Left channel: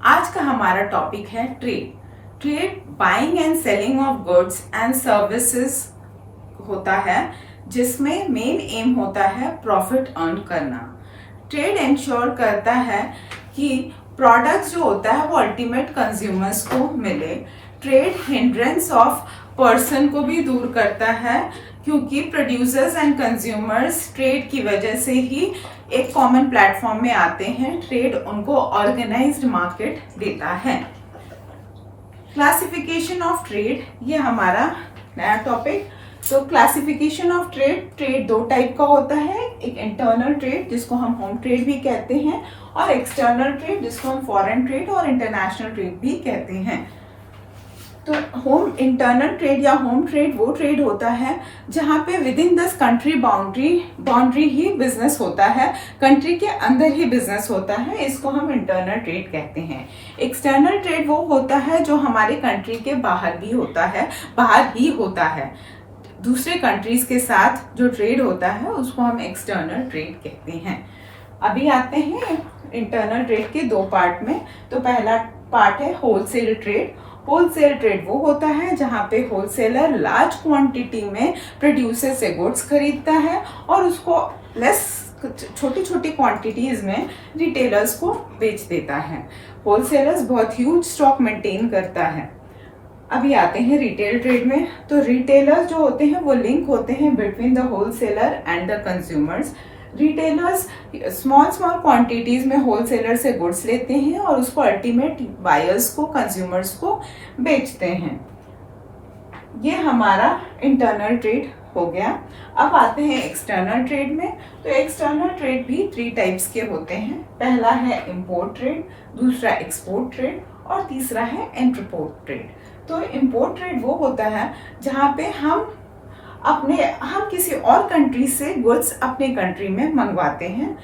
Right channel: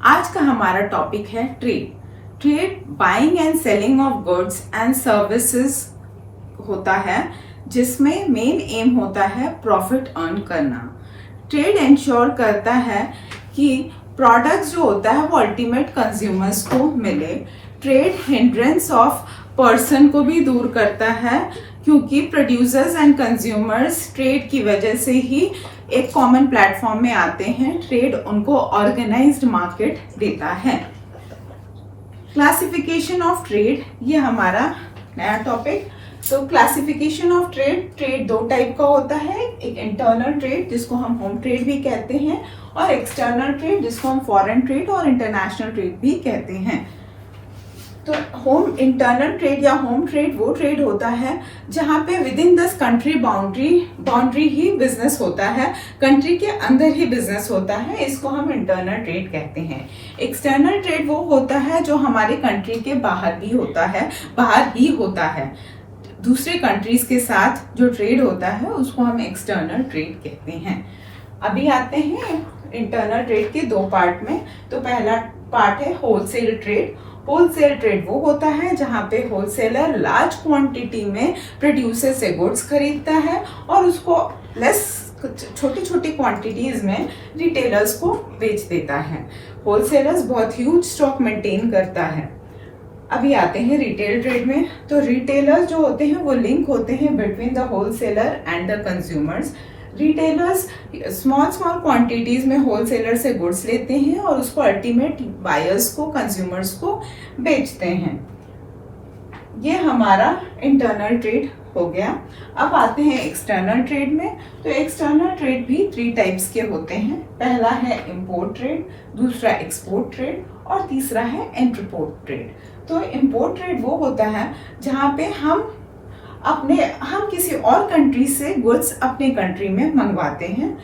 आज का हमारा टॉपिक है trade. Trade buying and selling of goods and services होता है, जिसमें मेन एम होता है प्रॉफिट अर्न करना। ट्रेड इंश्योर करता है कि प्रोडक्ट्स जो होता है वो अल्टीमेट कंज्यूमर्स को मिले। ट्रेड हिंड्रेंस ऑफ पर्सन को भी दूर करता है, क्योंकि प्रोड्यूसर्स एंड कंज्यूमर्स ट्रेड की वजह से ही एक कॉमन प्लेटफॉर्म में आते हैं। ट्रेड उनको ऑर्गेनाइज्ड मार्केट देता है। क्लासिफिकेशन ऑफ ट्रेड, ये हमारा नया टॉपिक। तो क्लासिफिकेशन ऑफ ट्रेड, ट्रेड दो टाइप का होता है, एक इंटरनल ट्रेड जिसको हम होम ट्रेड भी कहते हैं, और एक्सटर्नल ट्रेड जिसको हम फॉरेन ट्रेड और इंटरनेशनल ट्रेड भी कहते हैं। तो होम इंटरनल ट्रेड या होम ट्रेड वो ट्रेड होता है जहाँ पे with in this country boundary he business होता है, कंट्री के अंदर ही बिजनेस होता है, इसको हम इंटरनल ट्रेड कहते हैं। एक्सटर्नल ट्रेड वो होता है जो हमारे कंट्री के बाहर भी होता है, बाहर ही होता है। दूसरे कंट्रीज के साथ जो ट्रेड होता है उसको हम एक्सटर्नल ट्रेड कहते हैं। अभी आते हैं इंटरनल ट्रेड के दो पार्ट में। तो पहला पार्ट है होलसेल ट्रेड। होलसेल ट्रेड वो होता है जहाँ पे होलसेलर लार्ज क्वांटिटी में प्रोड्यूसर से गुड्स खरीदता है और उसको लेस छोटी छोटी क्वांटिटीज में रिटेलर्स को बेच देता है। होलसेलर्स बहुत ह्यूज स्टॉक मेंटेन करता है। अभी आते हैं रिटेल ट्रेड में। तो रिटेलर्स जो होते हैं वो लिंक होते हैं between the wholesaler and the consumers. Retailers small quantities में होलसेलर से गुड्स लेते हैं और उसको अल्टीमेट बायर्स को, कंज्यूमर्स को बेचते हैं। ये हमारा इंटरनल ट्रेड हो गया। अब आते हैं एक्सटर्नल ट्रेड में। तो एक्सटर्नल ट्रेड भी 3 टाइप्स के होते हैं। पहला है इंपोर्ट ट्रेड, दूसरा एक्सपोर्ट ट्रेड और तीसरा है एंट्रपोर्ट ट्रेड। तो इंपोर्ट ट्रेड वो होता है जहाँ पे हम किसी और कंट्री से गुड्स अपने कंट्री में मंगवाते हैं,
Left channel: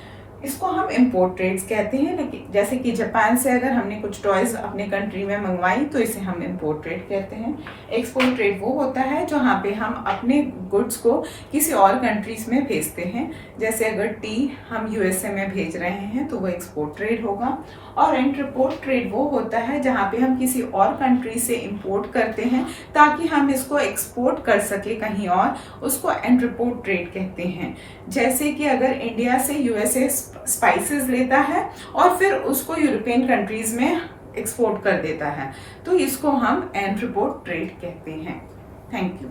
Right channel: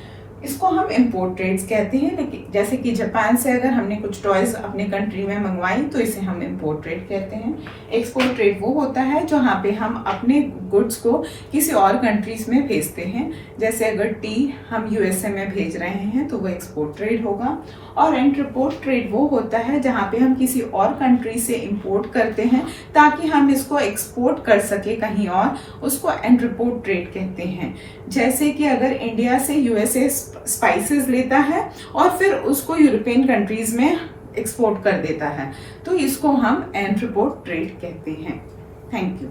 इसको हम इंपोर्ट ट्रेड्स कहते हैं। लेकिन जैसे कि जापान से अगर हमने कुछ टॉयज अपने कंट्री में मंगवाई तो इसे हम इंपोर्ट ट्रेड कहते हैं। एक्सपोर्ट ट्रेड वो होता है जहाँ पे हम अपने गुड्स को किसी और कंट्रीज में भेजते हैं। जैसे अगर टी हम यूएसए में भेज रहे हैं तो वो एक्सपोर्ट ट्रेड होगा। और इंटरपोर्ट ट्रेड वो होता है जहाँ पे हम किसी और कंट्री से इंपोर्ट करते हैं ताकि हम इसको एक्सपोर्ट कर सके कहीं और, उसको इंटरपोर्ट ट्रेड कहते हैं। जैसे कि अगर इंडिया से यूएसए स्पाइसेस लेता है और फिर उसको यूरोपियन कंट्रीज में एक्सपोर्ट कर देता है, तो इसको हम इंटरपोर्ट ट्रेड कहते हैं। Thank you.